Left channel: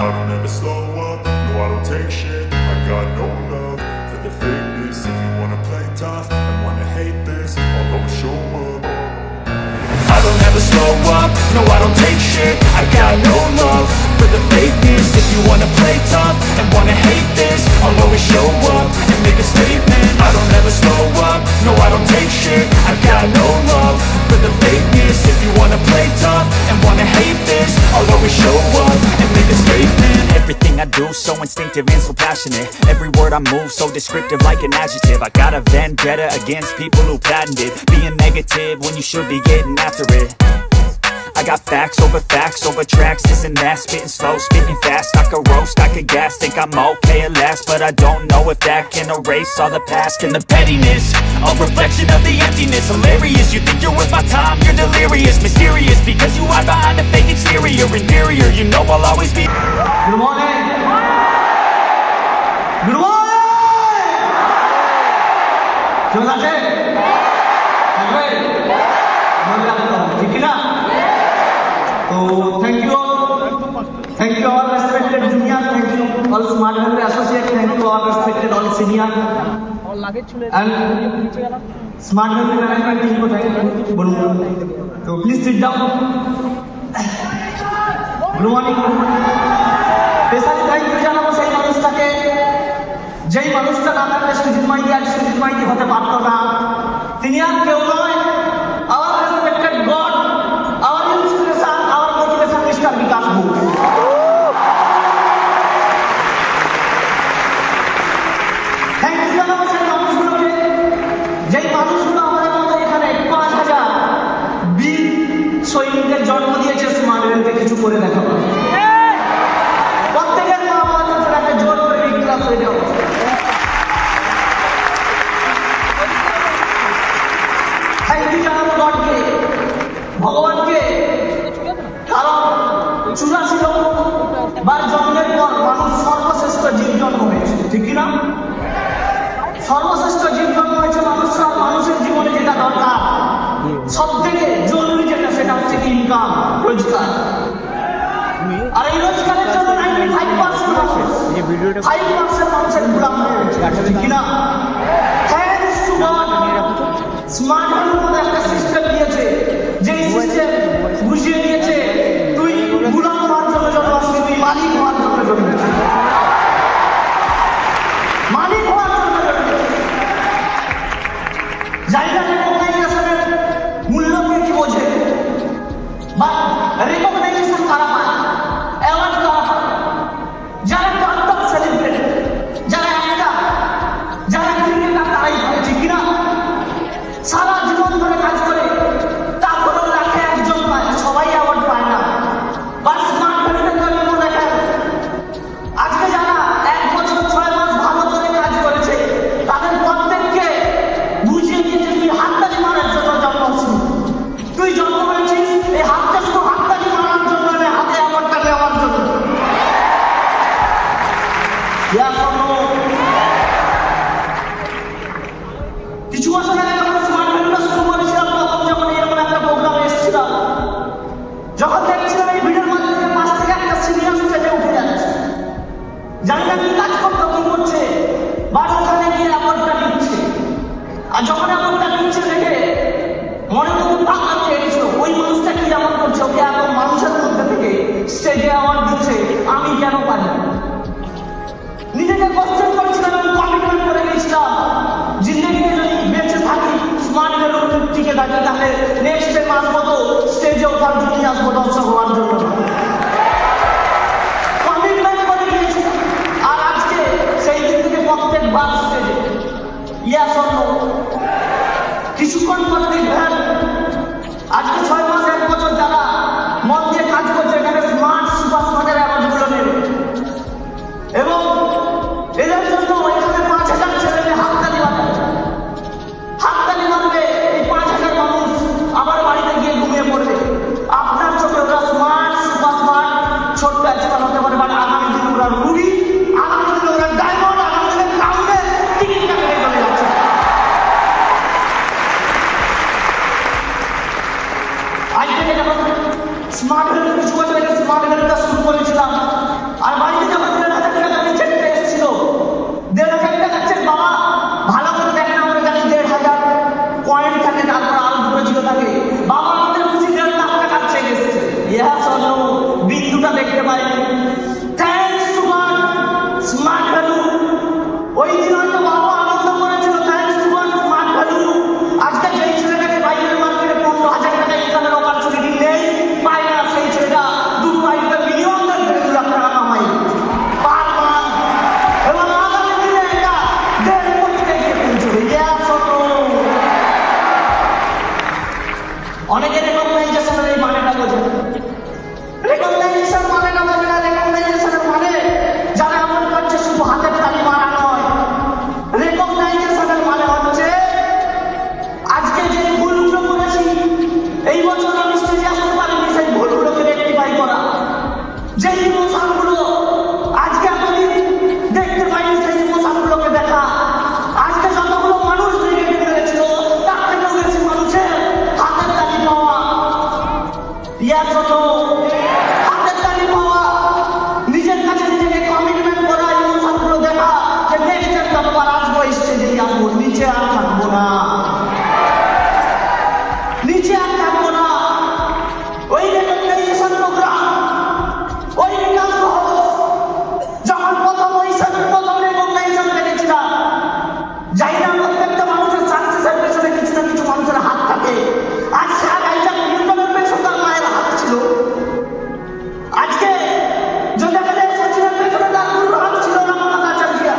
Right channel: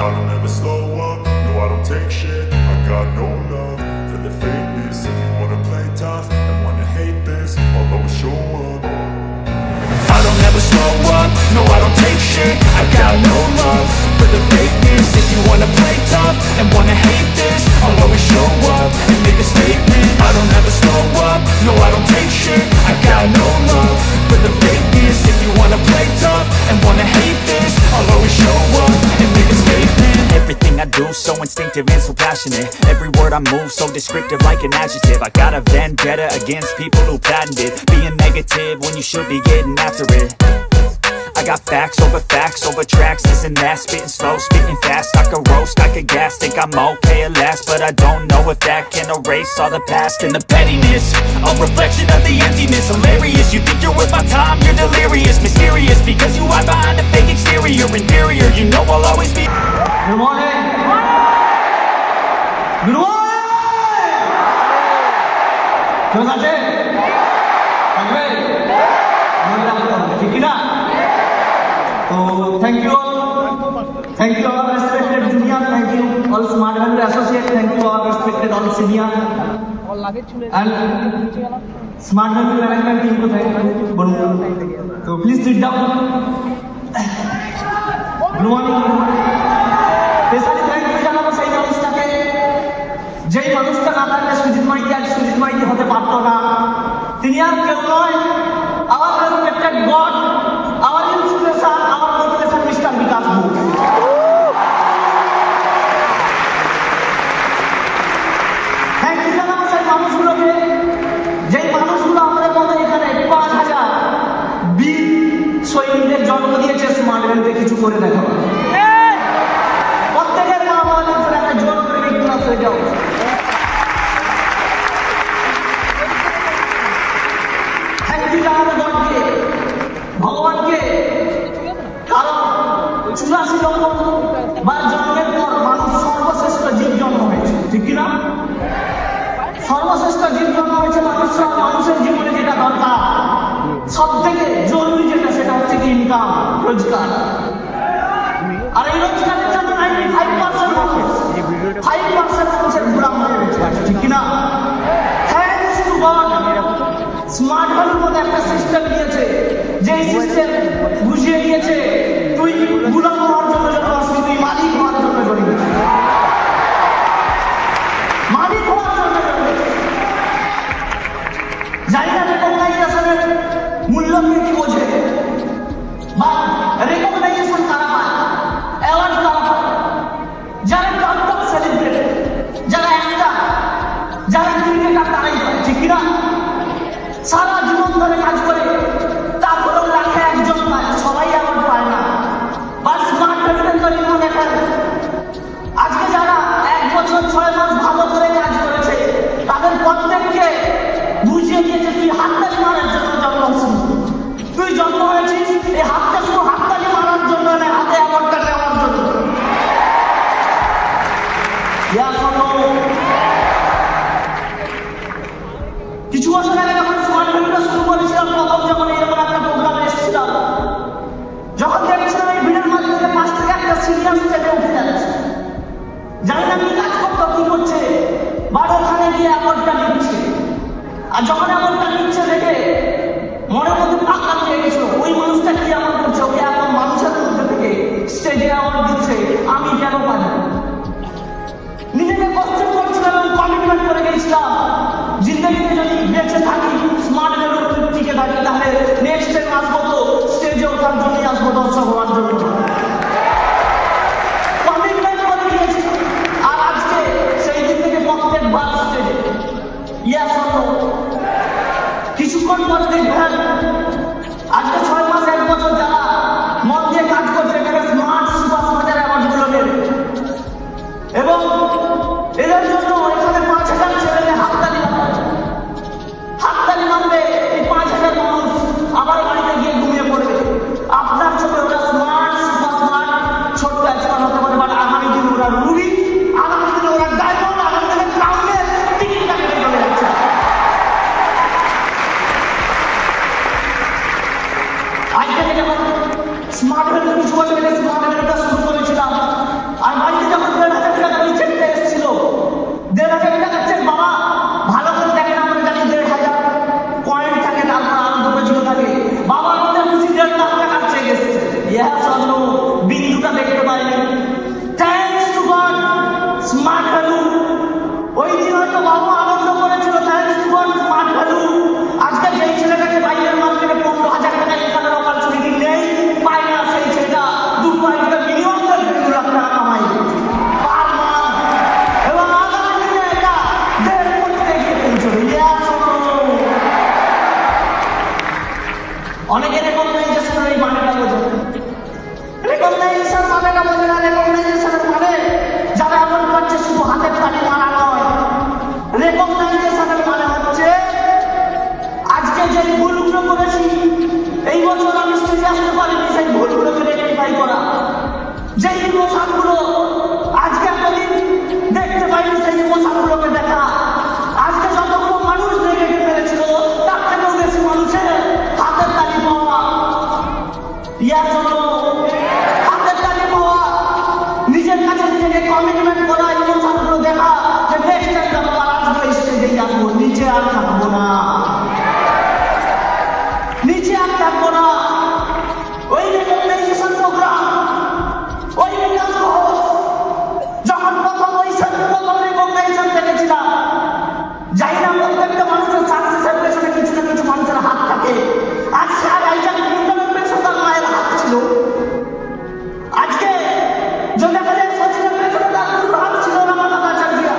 I don't ever slow up, no I don't take shit. I got no love for the fakeness. If you wanna play tough and wanna hate this, I'll always show up. I don't ever slow up, no I don't take shit. I got no love for the fakeness. If you wanna play tough and wanna hate this, I'll always show up and make a statement. I don't ever slow up, no I don't take shit. I got no love for the fakeness. If you wanna play tough and wanna hate this, I'll always show up and make a statement. Everything I do so instinctive and so passionate. Every word I move so descriptive like an adjective. I got a vendetta against people who patented being negative when you should be getting after it. I got facts over tracks, this and that. Spitting slow, spitting fast, I could roast, I could gas. Think I'm okay at last, but I don't know if that can erase all the past. And the pettiness, a reflection of the emptiness. Hilarious, you think you're with my time, you're delirious. Mysterious, because you hide behind a fake exterior. Inferior, you know I'll always be. Good morning. Good morning. কেমন আছে? ঠিক না? So thank you all respected junior, thank you all smart vendor associate, thank you all respected all senior and smart vendor management team ko thank you bolun. So please sit down. Good morning. Specially thank you জানাবো সেই মানুষটাকে, যেই মানুষটা না থাকলে সুজিত মাইতি আজ সুজিত মাইতি হতে পারতো না। তিনি আর কেউ নয়, our respected God, our inspiration, our motivation, Mr. Vikas Bose. Thank you জানাবো সেই মানুষগুলোকে, যেই মানুষগুলো আমাদের মতো এখানে ৫,০০০ বীর সৈনিকদের জন্ম দিয়েছে স্মার্ট ভ্যালিতে কিছু করে দেখাবো। প্রত্যেকের মা আমাদের উপর একটা জোর করে ক্লাস হয়ে যাও। থ্যাংক ইউ জানাবো গডকে, ভগবানকে, কারণ ৮৪ লক্ষ বার জন্মের পর মানুষ সর্বশ্রেষ্ঠ জীব জন্ম হয়েছে, ঠিক কিনা? সর্বশ্রেষ্ঠ জীব জন্ম হয়েছে মানুষের জীবনে যেটা দরকার সব থেকে জরুরি যেটা, সেটা হচ্ছে ইনকাম, রোজগার। আর এই রোজগারের জন্য 95% মানুষের গোলাম হয়ে গেছে, ঠিক কিনা? থ্যাংকস টু গড, স্মার্ট ভ্যালির মধ্যে একটা সিস্টেম দিয়েছে, যে সিস্টেম বুঝিয়ে দিয়েছে তুই গোলাম হওয়ার জন্য জন্মাসনি, তুই মালিক হওয়ার জন্য জন্মেছিস। মালিক হওয়ার জন্য জন্মেছিস। জানি না রেকগনাইজেশনের মূল্য কি বোঝে বা রেকগনাইজেশন কারা পায়, অ্যাওয়ার্ড কারা পায়, যারা টপ সেলিব্রিটি, যারা একটা, যারা ক্রিকেটার তারাই পায়, ঠিক কিনা? সারা জীবন ধরে কাজ করে তারপরে লাখে একজন পায়, সবাই অ্যাওয়ার্ড পায় না। বা স্মার্ট ভ্যালির জীবন দেখেন, আজকে যারা ১ বছর ৬ মাস ভালো করে কাজ করেছে তাদের প্রত্যেককে বুঝিয়ে দিয়েছে তুই হাততালি মারার জন্য জন্ম হয়েছিস। তুই জন্ম হয়েছিস এই হাতটা শুধু হাততালি মারার জন্য না, হাতে অ্যাওয়ার্ডটা দেওয়ার জন্য। কিছু বছর আগে যখন স্মার্ট ভ্যালিটা শুরু করেছিলাম, তখন যখন এরকম একটা প্রোগ্রামে এসেছিলাম, যখন দেখছিলাম এই ভিড়ের মধ্যে ৫ থেকে একটা সিরিয়াস স্টেপে উঠে যাচ্ছে, জানি না কি কাজ করতো, কি করছে, বা ওখানে গিয়ে অ্যাওয়ার্ডটা দিচ্ছে। আর যখন অ্যাওয়ার্ডটা দিচ্ছে দেখে মনে মধ্যে টাকা চেয়ে গেছিল, ওই মানুষটা কি এমন করছে, ওকে এত মানুষের মধ্যে থেকে স্টেজে অ্যাওয়ার্ড দিচ্ছে, আমি কেন পারি? নিজেকে কোশ্চেন করছিলাম এবং কমিটমেন্ট করে গেছিলাম, জিন্দগিতে যদি বেঁচে থাকি স্মার্ট ভ্যালির টিকে থাকি, তাহলে নেক্সট টাইম আসবো তো স্টেজে ওঠার জন্যই আসবো, দর্শক হওয়ার জন্য। কমিটমেন্ট করে গিয়েছিলাম, আর আজকে সেই দিন থেকে প্রত্যেকবার স্টেজে ইয়াস অন্য কিছুক্ষণ পর দেখবেন আজকে ৬ মাস ১ বছর যারা মন দিয়ে কাজ করছে এখানে স্মার্ট সুপার স্মার্টের অ্যাওয়ার্ডগুলো নেবে, এবং এদের জন্য এখানে ৫,০০০ ছেলে হাততালি মারবে। হাততালি মারবে এই ৫,০০০ মানুষ আমার বাড়িতে গিয়ে ঘুমিয়ে পড়বে। আপনার চোখে ওরা স্মার্ট সুপার স্মার্ট ছোট্ট এক্সপার্ট হতে পারে, বাট আগামী দিনে ওরা রুবি, আগামী দিনে ওরা ডায়মন্ড, আগামী দিনে ক্রাউনের টিকিট কাটতে চলে যাচ্ছে। আজকে যখন স্মার্ট ভ্যালি কিছু বছর আগে স্মার্ট ভ্যালিটা শুরু করেছিলাম, আর ইমোশনগুলো আজকে এতদিন দেখতে পাইনি, সেই ইমোশনগুলোকে দেখা। আজকে যতগুলো মানুষ বেরিয়ে ফেলেছিল তার থেকেও বেশি মানুষের হাতের তালি পাওয়া, ইয়ার জন্য হাতের তালি পাওয়া, নিজের কাছে নিজেকে কমিটমেন্ট করা, ইমোশনগুলো দেখা যে নেক্সট টাইম যতবার আসবো স্টেজে আসবো, নিচে আর থাকবো না, নিচে আর থাকবো না। ওই রেকগনাইজেশন প্রোগ্রাম, ওই বিকাশ ঘোষ যখন প্রথম রেকগনাইজেশন দেখেছিলাম, যাই না প্রত্যেকটা মানুষের সাকসেসের পেছনে কিছু না কিছু মানুষের হাত থাকে। আর স্যার আইজাক নিউটনের পেছনে তার মায়ের হাত ছিল। আজকে যদি আমাদের সচিবের পেছনে তার গুরুর হাত ছিল, রামানাথাচার্যিয়া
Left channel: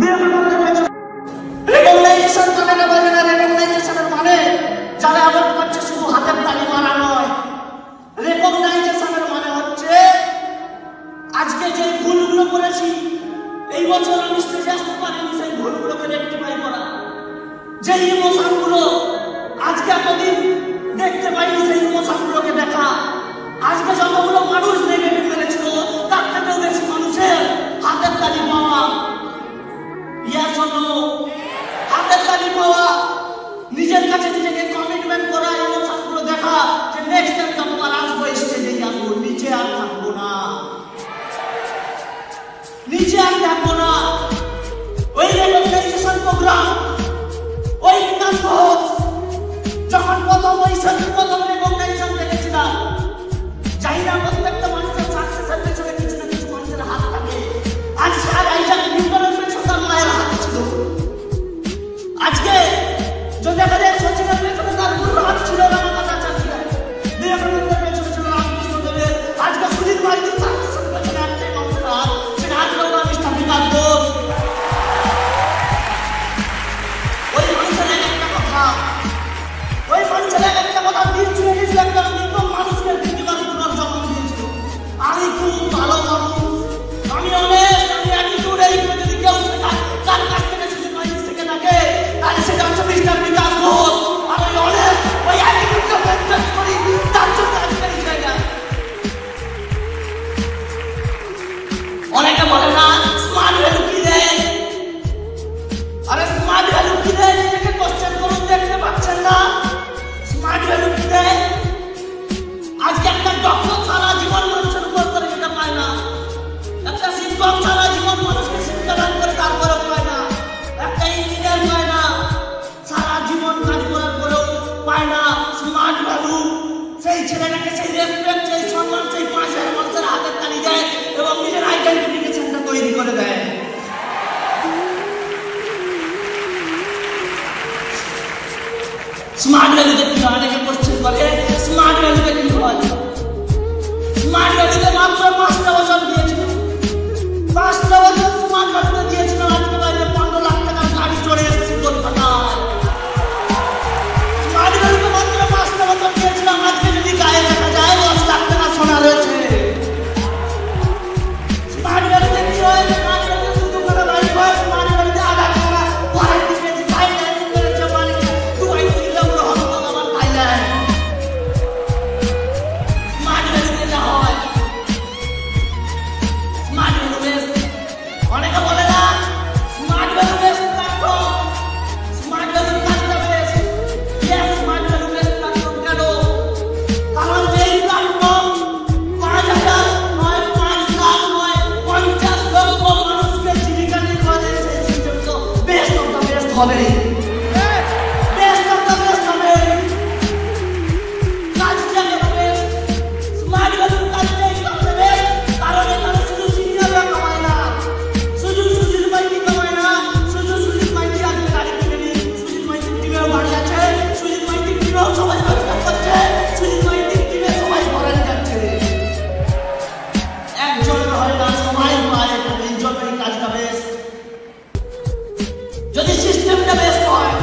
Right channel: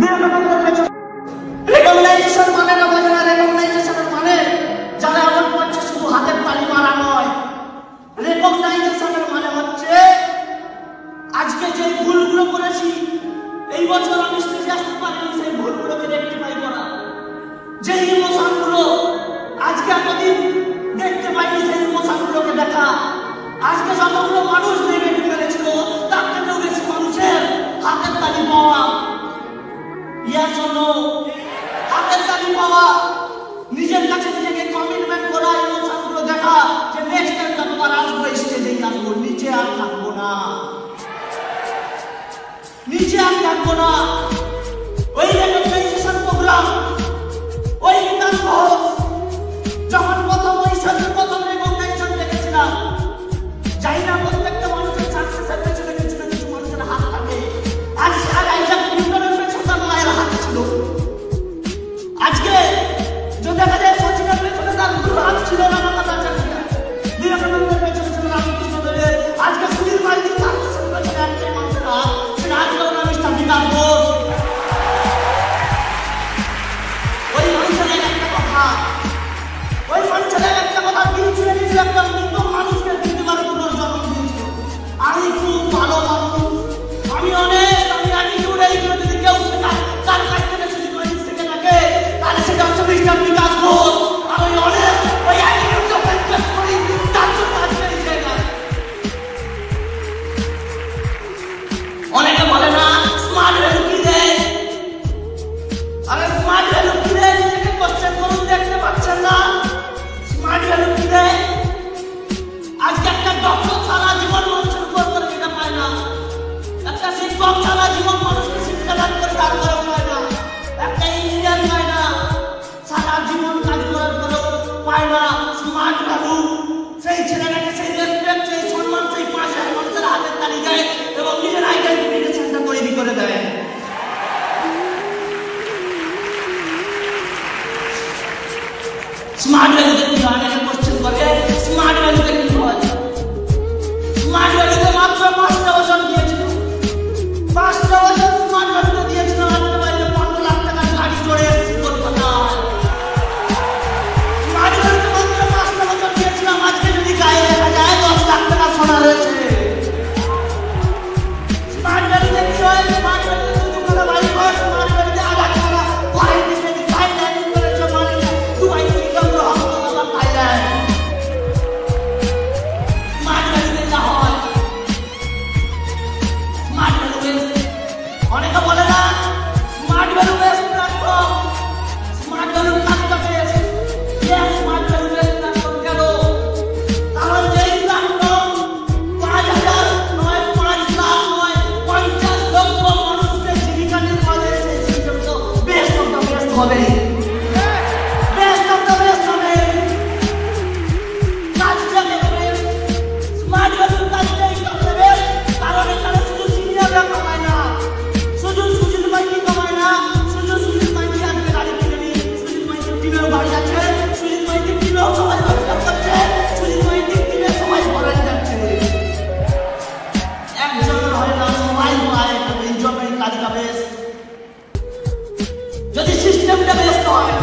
বিবেকানন্দের পেছনে। রেকগনাইজেশন মানে না, রেকগনাইজেশনের মানে যারা আমার করছে শুধু হাতের তালি মারা নয়। রেকগনাইজেশনের মানে হচ্ছে আজকে যে ভুলগুলো করেছি, এই বছর আমি স্টেজে আসতে পারিনি, সেই ভুলগুলোকে রেকটিফাই করা। যে ইমোশনগুলো আজকে এতদিন দেখতে পাইনি, সেই ইমোশনগুলোকে দেখা। আজকে যতগুলো মানুষ নেগেটিভ ফেলেছিল তার থেকেও বেশি মানুষের হাতের তালি পাওয়া, ইয়ার জন্য হাতের তালি পাওয়া, নিজের কাছে নিজেকে কমিটমেন্ট করা, ইমোশনগুলো দেখা যে নেক্সট টাইম যতবার আসবো স্টেজেই আসবো, নিচে আর থাকবো না, নিচে আর থাকবো না। ওই রেকগনাইজেশন প্রোগ্রাম, ওই বিকাশ ঘোষ যখন প্রথম রেকগনাইজেশন দেখেছিলাম, যাই না প্রত্যেকটা মানুষের সাকসেসের পেছনে কিছু না কিছু মানুষের হাত থাকে। আর স্যার আইজাক নিউটনের পেছনে তার মায়ের হাত ছিল। আজকে যদি আমাদের সচিবের পেছনে তার গুরুর হাত ছিল, রামানাথাচার্যিয়া বিবেকানন্দের পেছনে ছিল রামকৃষ্ণদেবের। আজকে সুধীর মাইতির সাকসেসের পেছনে একটাই মানুষের হাত, সেটা হাতগুলো মিস্টার বিকাশ ঘোষ। ওই মানুষের একটা কথা, ওই মানুষের একটা কথা দিয়েছিল, একটা নতুন মানুষকে পৃথিবীর পুনর্জন্ম দিয়েছিল। আমি খুব ভালো মানুষ, আমি অনেক, আমি অ্যাটিটিউড, এইগুলো যদি কেউ তার কাছ থেকে সুধীর মাইতি থেকে থাকে, তাহলে সেটা হচ্ছে মিস্টার বিকাশ ঘোষ। আমি অনেক ওই অ্যাটিটিউডটা মেনটেন করি, তার জন্য আজকে এই জায়গায়। অনেকে বলে না স্মার্ট ভ্যালু কি দেয়, আরে স্মার্ট ভ্যালু কি দেয় নিজেকে কোশ্চেন করুন, দেখতে পাচ্ছেন না স্মার্ট ভ্যালু কি দেয়। আজকে একটা ডক্টর সারা জীবন মানুষের উপর করে যেতে পারে না, একটা শিক্ষক সারা জীবন মানুষকে শিক্ষাদান করে তারপরেও পায় না, একটা ইঞ্জিনিয়ার পায় না, সারা জীবন কাজ করার পরেও পায় না স্মার্ট ভ্যালু। সেই ছেলেটাকে সেই রেসপেক্ট, সেই সম্মান, সেই 5,000 মানুষের হাতের তালি দেয় এবং নিজের আইডেন্টিফিকেশনটা তৈরি করে দেয়। স্মার্ট ভ্যালুতে কি হয়, অনেকে কোশ্চেন করে স্মার্ট ভ্যালুতে কি হয়। স্মার্ট ভ্যালুতে মাত্র 5টা বছর দিয়েছিল, 5টা বছর স্মার্ট ভ্যালুতে দিয়েছিল। রাখতে বাইরে 15 লাখ টাকার গাড়ি চড়ে এসেছি কলকাতা। স্মার্ট ভ্যালুতে মাত্র 5টা বছর দিয়েছিলাম, আজকে যদি গায়ে দেখা যায় 10 লাখ টাকা সোনা রয়েছে। স্মার্ট ভ্যালুতে কি হয়, স্মার্ট ভ্যালুতে শুধু করে বাইক হয়, স্মার্ট ভ্যালুতে আধার টাকা ঘরে দিয়েছে, চাই গাড়ি করেছে, মানে দুবাই থেকে আমরা হবো আমার থাইল্যান্ড। স্মার্ট ভ্যালুতে যা হয়, স্মার্ট ভ্যালু বেস্ট। অনেকে বলে না smart value best platform, smart ভ্যালুর কাজটা best. Smart value best platform কেন? কারণ এই প্ল্যাটফর্ম 5,000 নয়, 5 লাখ নয়, 50 লক্ষ মানুষকে জীবিকা নির্বাহ দিয়েছে। সেই জন্য বেস্ট অফ দ্য বেস্ট হবে, বেস্ট অফ দ্য বেস্ট হবে। কাজটা কেন বেস্ট? স্মার্ট ভ্যালুর কাজটাই করতে বেস্ট। কারণ এখানে শুধু সিনিয়ররা কামায় না, শুধু সুধীর মাইতি কামায় না, শুধু সুধীর মাইতি আজকে গাড়ি কিনে নিয়ে, সুধীর মাইতির টিমেও গাড়ি আছে, সুধীর মাইতির টিমেও সবাই রোজগার করছে, সুধীর মাইতির টিমে সবাই ফরেন যাচ্ছে। একজনের হয় না, সবাই পায়। এই জন্যই কাজটা বেস্ট। যদি সিস্টেমটা বেস্ট হয়,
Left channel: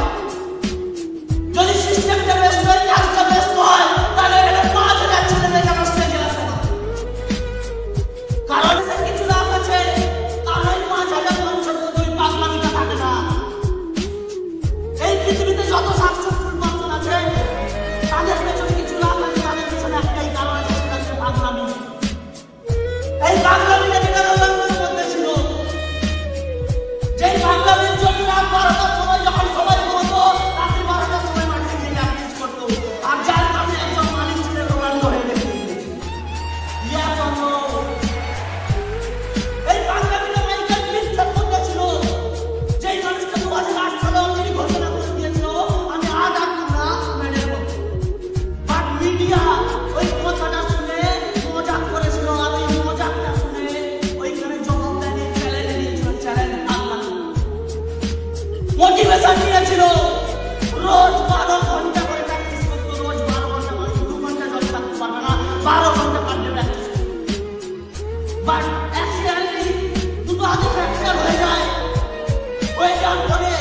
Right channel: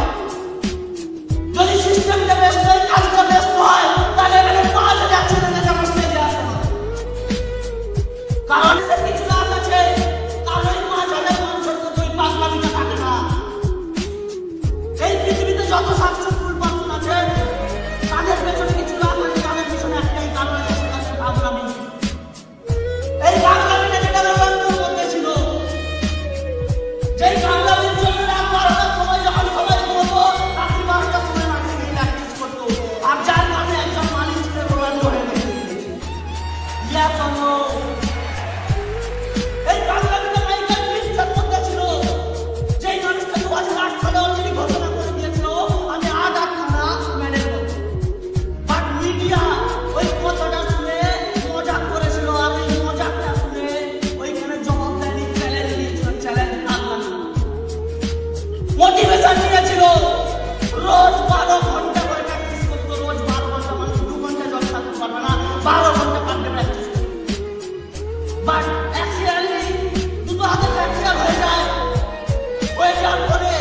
যদি সিস্টেমটা বেস্ট হয়, কাজটা বেস্ট হয়, তাহলে এখানে 5,000 ছেলে মেয়ে আমার স্টেজে আসে না। কারণ কিছু লাভ আছে, তাহলে 5,000 মানুষের মধ্যে ওই পাগলামিটা থাকে না। এই পৃথিবীতে যত সাকসেসফুল পার্সন আছে তাদের পেছনে কিছু লাভ আছে, তাদের পেছনে একটাই কারণ, সেটা হচ্ছে পাগলামি। এই পাগলামি এই পাগলামিটা মাইকেল ফিলিপসের মধ্যে ছিল, যেই মানুষটা 2008 সালে অলরেডি ঘোষণা করে দিয়েছিল আমি আজ আর না মেনে নেব। বাট মিডিয়া ওই কথাটা শুনে মজাক করেছিল, আর ওই মজাকটা শুনে ওইখানে জবাব দেয়নি, চ্যালেঞ্জ দিয়েছিল, চ্যালেঞ্জ আনলাম। মোটিভেশন নিয়েছিল, রোজ 12 ঘন্টা করে প্র্যাকটিস করতো, রোজ 12 ঘন্টা, মানে 2 ঘন্টা জল থাকতে পারবে না, 12 ঘন্টা কাটতে প্র্যাকটিস করতো। বাট অ্যাকচুয়ালি দুটো হাতে ফ্র্যাকচার হয়ে যায়, ওই যার পরে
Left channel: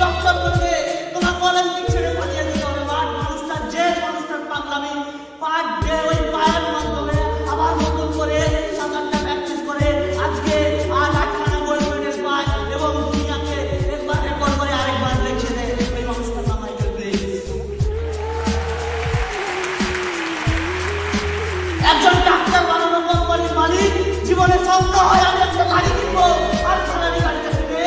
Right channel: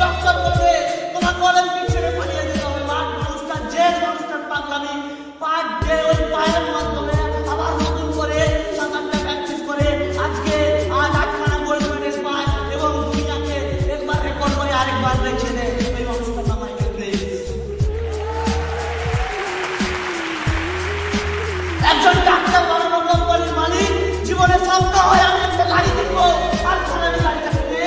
ডক্টর বলবে তোমাকে অলিম্পিক ছেড়ে পাঠিয়ে দিতে হবে। বাট মানুষটা যে মানুষটার পাগলামি পার ডে ওই পায়ের মাধ্যমে আবার নতুন করে সাঁতারটা প্র্যাকটিস করে আজকে আজ 8খানা গোল্ড মেডেল পায় এবং দুনিয়াকে একবার রেকর্ড করে আরেকবার রেখে দেয়। এই মানুষটার নাম মাইকেল ফেলিপস। একজন ডাক্তার বানানো কোম্পানির মালিক, জীবনে স্বপ্ন হয় আমি একটা গাড়ি কিনবো, আর ফারারি গাড়িটা কিনে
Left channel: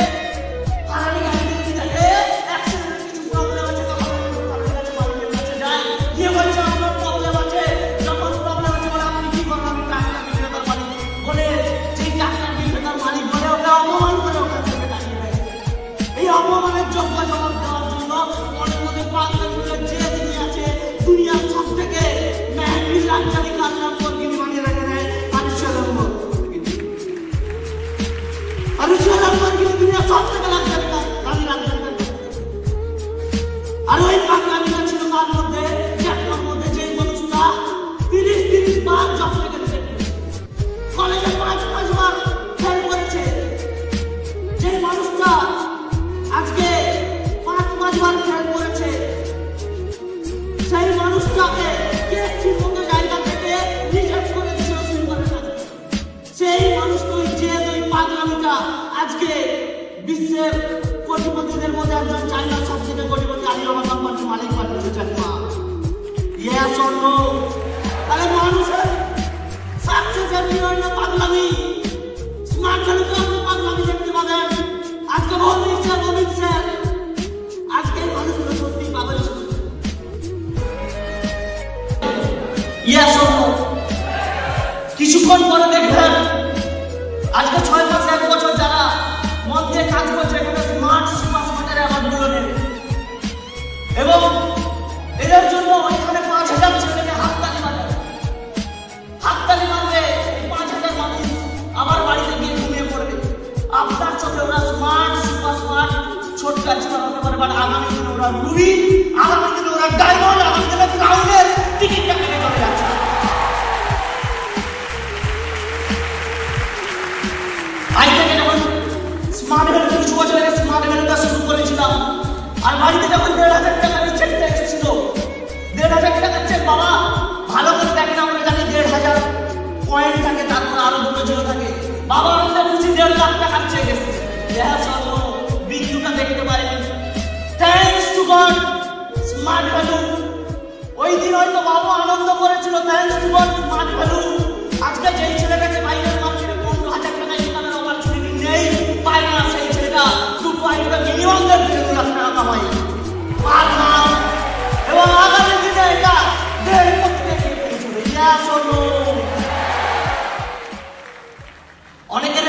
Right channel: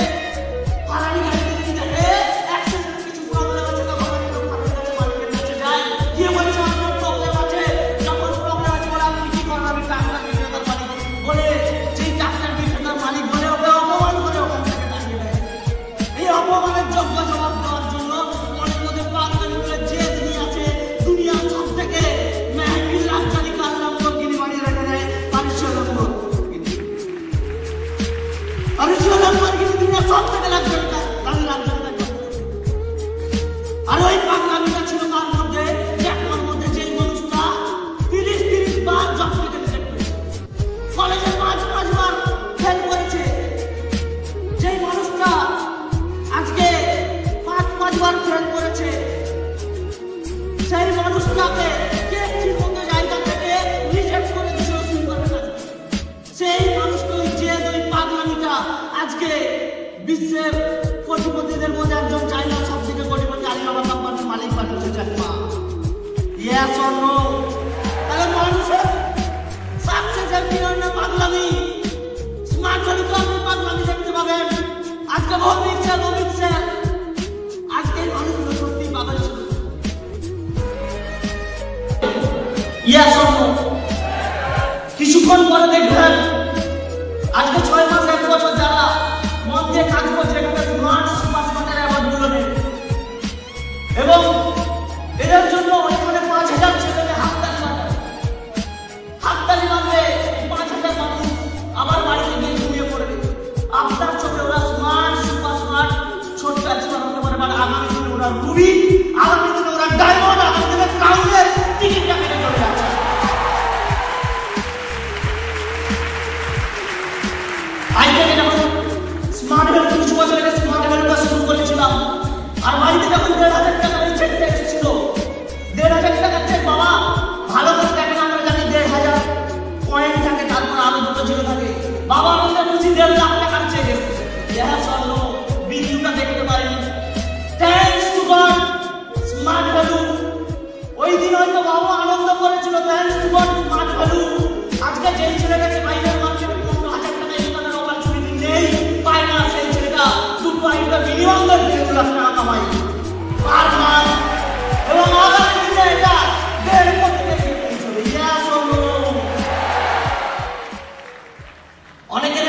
ফারারি গাড়ি কিনতে গেলে অ্যাক্সিডেন্ট কিছু প্রবলেম আছে, তখন ফারারি গাড়ি মালিকের কাছে যায়, গিয়ে বলছে আমার প্রবলেম আছে। যখন প্রবলেম আছে বলে আপনি কি করেন, আমি ডাক্তার বিক্রেতার মালিক বলে, যেই ডাক্তার বিক্রেতার মালিক বলে ওকে অপমান করে ওখান থেকে তাড়িয়ে দেয়। এই অপমানের যোগ্য জবাব দেওয়ার জন্য মনের মধ্যে পাগলামির যে তিনি আছে, দুনিয়ার সব থেকে মেহবি লাক্সারি কার নাম কর্কিনি বানিয়ে রেখে দেয় আরিশালম্বর। আরিশালম্বর কিন্তু দুনিয়ার সব থেকে লাক্সারি গাড়ি লাক্সারি। আর ওই পাগলামিটা ছিল তার মধ্যে, একটার মধ্যে যে মানুষটা 30 বার জব থেকে কলেজে 5 বার ফেল করেছে, যে মানুষটা আজকে 5 বার ফেল করেছে, সেই মানুষটাকে কে জীবনের জায়গা থেকে রিসেট করে দিয়েছিল সিঙ্গলের কাছে। সেই মানুষটা যে ওই পাগলামিটা আজকে বিশ্বের কোটিপতিদের মধ্যে একজন, চাইনার সবথেকে কোটিপতি আলিবাবা কোম্পানির মালিক বানিয়েছে চাকমা। Yes or no? তাহলে মানুষের সাকসেসের নিয়মে পাগলামি, স্মার্ট ভ্যালুতে আপনি পাগলামি দেখতে পাবেন। আজকে ভৌমিক স্যার আজকে মানুষগুলো সত্যি পাগল ছিল। Yes or no? কিছুক্ষণ পরে দেখবেন আজকে 6 মাস 1 বছর যারা মন দিয়ে কাজ করছে এখানে স্মার্ট সুপারস্মার্টের অ্যাওয়ার্ডগুলো নেই, এবং এদের জন্য অনেকখানে 5000 ছেলেকে হাততালি মারবে। 5000 মানুষ আবার বাড়িতে গিয়ে ঘুমিয়ে পড়বে। আপনার চোখে ওরা স্মার্ট সুপার স্মার্ট ছোট্ট একটা হতে পারে, বাট আগামী দিনে ওরা রুবি, আগামী দিনে ওরা ডায়মন্ড, আগামী দিনে ক্রাউনের টিকিটটা খেয়ে চলে যাচ্ছে। আইডিয়াটা যখন স্মার্ট ভ্যালু কিছু বছর আগে স্মার্ট ভ্যালুটা শুরু করেছিলাম, আর বাড়িতে যখন 1500 টাকা চেকটা এসেছিল, 1500 টাকা চেক বাবা ভালো করে দেখেন, আমরা জানি 1500 কয়েন থাকে, তারপর আরো দুটো জিরো থাকে। বাবা আমাদের বুঝি 1.5 লাখ টাকার চেক এসেছে। ভিডিওটা দেখতে পারেন। Thanks to god smart value. ওই দিন হয়তো বাবা আনন্দ করেছিল, thanks to god smart value. আজকে যেই ছেলেটাকে বাইরের মার্কেটে 15,000 টাকা ইনকামের অপরচুনিটি নেই, পায় না, সেই ছেলেটা দুটো আইডিয়া মিনিমাম 2 লাখ টাকা কামায় পার মাস, এবং আগামী দিনে এটা 1.5 কোটি টাকা পৌঁছবে। অনেকের